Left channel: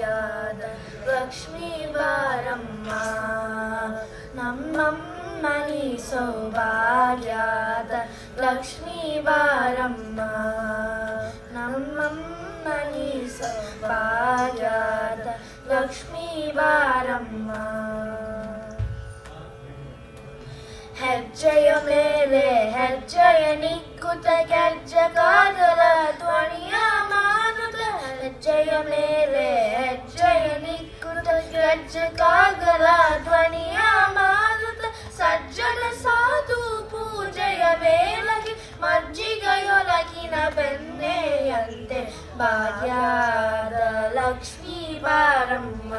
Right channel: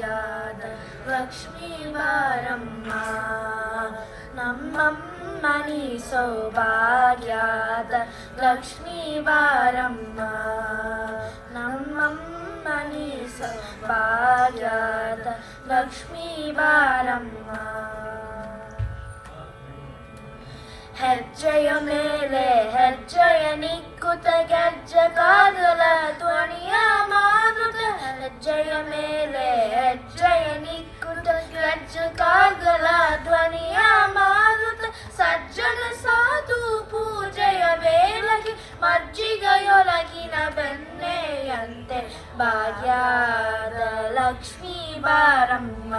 ಸೌಭಾಗ್ಯದ ಲಕ್ಷ್ಮೀ ಬಾರಮ್ಮ ನಮ್ಮಮ್ಮನಿ ಸೌಭಾಗ್ಯದ ಲಕ್ಷ್ಮೀ ಬಾರಮ್ಮ ನಮ್ಮಮ್ಮನಿ ಸೌಭಾಗ್ಯದ ಲಕ್ಷ್ಮೀ ಬಾರಮ್ಮ ಹೆಜ್ಜೆಯ ಮೇಲೆ ಹೆಜ್ಜೆಯ ನಿಕ್ಕುತ ಗೆಜ್ಜೆಗಾಗಲ ಧ್ವನಿಯ ಮಾರುತ ಹೆಜ್ಜೆಯ ಮೇಲೆ ಹೆಜ್ಜೆಯ ನಿಕ್ಕುತ ಗೆಜ್ಜೆಗಾಗಲ ಧ್ವನಿಯ ಮಾರುತ ಸಜ್ಜನ ಸಾಧು ಪೂಜೆಯ ವೇಳಗೆ ಮಜ್ಜಿಗೆಯೊಳಗಿನ ಬೆಣ್ಣೆಯಂತೆ ಭಾಗ್ಯದ ಲಕ್ಷ್ಮೀ ಬಾರಮ್ಮ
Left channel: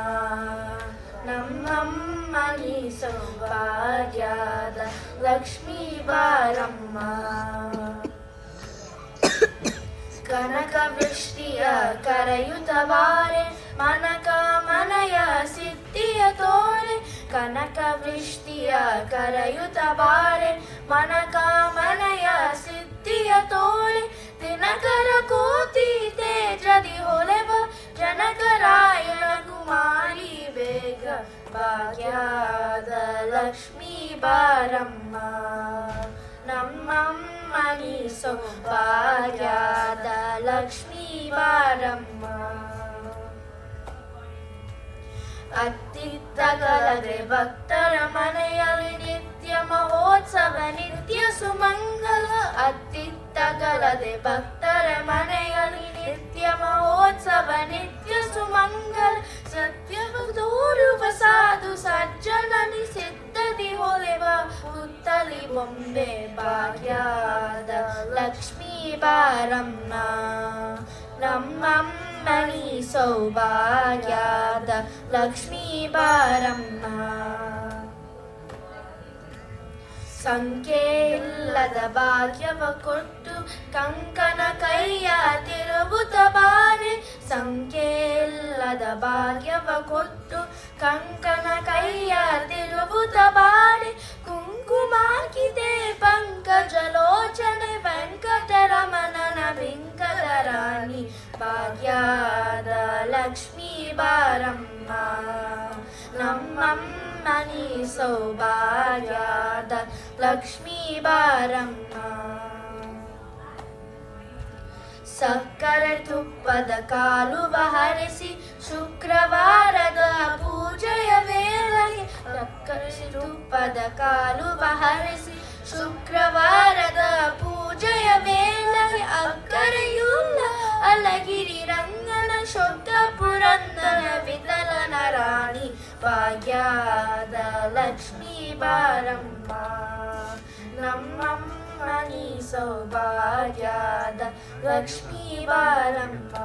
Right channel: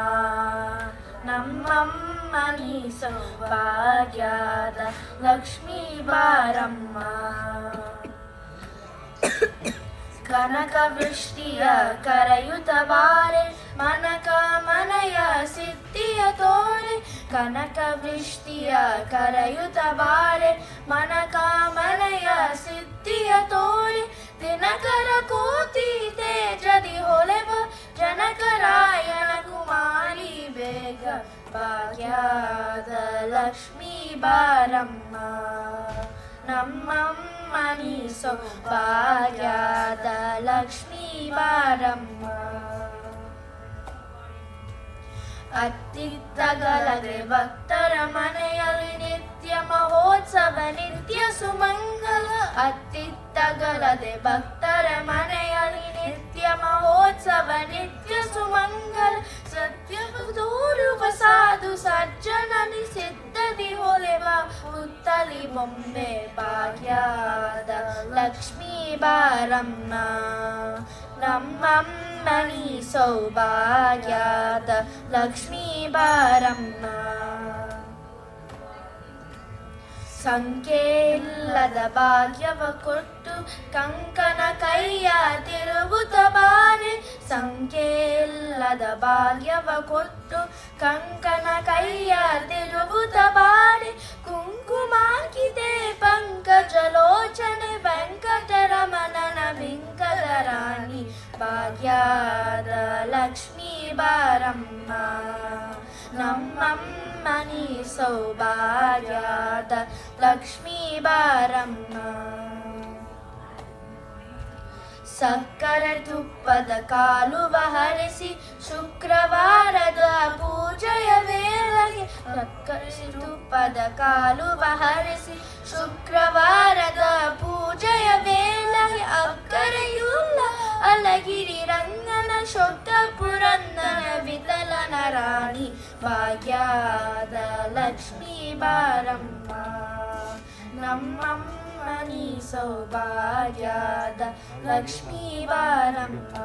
ನಮ್ಮಮ್ಮನಿ ಸೌಭಾಗ್ಯದ ಲಕ್ಷ್ಮೀ ಬಾರಮ್ಮ ಕನಕ ವೃಷ್ಟಿಯ ಕರೆಯುತ್ತ ಬಾರೆ ಮನಕ ಮನೆಯ ಸಿದ್ಧಿಯ ತೋರೆ ಕನಕ ವೃಷ್ಟಿಯ ಕರೆಯುತ್ತ ಬಾರೆ ಮನಕ ಮನೆಯ ಸಿದ್ಧಿಯ ತೋರೆ ದಿನಕರ ಕೋತಿ ತೇಜದಿ ಹೊಳೆವ ಜನಕರಾಯಣ ಕುಮಾರಿ ಬೇಗ ಭಾಗ್ಯದ ಲಕ್ಷ್ಮೀ ಬಾರಮ್ಮ ನಮ್ಮಮ್ಮನಿ ಸೌಭಾಗ್ಯದ ಲಕ್ಷ್ಮೀ ಬಾರಮ್ಮ ಅತ್ತಿತ್ತಗಲದೆ ಭಕ್ತರ ಮನೆಯಲ್ಲಿ ನಿತ್ಯ ಮಹೋತ್ಸವ ನಿತ್ಯ ಸುಮಂಗಲ ಅತ್ತಿತ್ತಗಲದೆ ಭಕ್ತರ ಮನೆಯಲ್ಲಿ ನಿತ್ಯ ಮಹೋತ್ಸವ ನಿತ್ಯ ಸುಮಂಗಲ ಸತ್ಯ ತೋರುವ ಸಾಧು ಸಜ್ಜನನಿ ಸಿದ್ಧದಿ ಹೊಳೆವ ಹುತ್ತಲಿ ಬೊಂಬೆ ಭಾಗ್ಯದ ಲಕ್ಷ್ಮೀ ಬಾರಮ್ಮ ನಮ್ಮಮ್ಮನಿ ಸೌಭಾಗ್ಯದ ಲಕ್ಷ್ಮೀ ಬಾರಮ್ಮ ಸಂಖ್ಯೆ ಇಲ್ಲದ ಭಾಗ್ಯವ ಕೊಟ್ಟು ಕಂಕನ ಕೈಯ ತಿರುಗುತ್ತ ಬಾರೆ ಸಂಖ್ಯೆ ಇಲ್ಲದ ಭಾಗ್ಯವ ಕೊಟ್ಟು ಕಂಕನ ಕೈಯ ತಿರುಗುತ್ತ ಬಾರೆ ಕುಂಕುಮಾಕಿದೆ ಪಂಕಜಲೋಚನೆ ವೆಂಕಟರಮಣನ ವೆಂಕಟ ರಾಣಿ ಭಾಗ್ಯದ ಲಕ್ಷ್ಮೀ ಬಾರಮ್ಮ ನಮ್ಮಮ್ಮನಿ ಸೌಭಾಗ್ಯದ ಲಕ್ಷ್ಮೀ ಬಾರಮ್ಮ ಸಕ್ಕರೆ ತುಪ್ಪದ ಕಾಲುವ ಹರಿಸಿ ಶುಕ್ರವಾರದ ಪೂಜೆಯ ವೇಳೆಗೆ ಸಕ್ಕರೆ ತುಪ್ಪದ ಕಾಲುವ ಹರಿಸಿ ಶುಕ್ರವಾರದ ಪೂಜೆಯ ವೇಳೆಗೆ ಅಕ್ಕರೆಯುಳ್ಳ ಅಲಗಿರಿ ರಂಗನ ಶೊಟ್ಟ ಪುರಂದನ ವಿಠಲನ ರಾಣಿ ಭಾಗ್ಯದ ಲಕ್ಷ್ಮೀ ಬಾರಮ್ಮ ನಮ್ಮಮ್ಮನಿ ಸೌಭಾಗ್ಯದ ಲಕ್ಷ್ಮೀ ಬಾರಮ್ಮ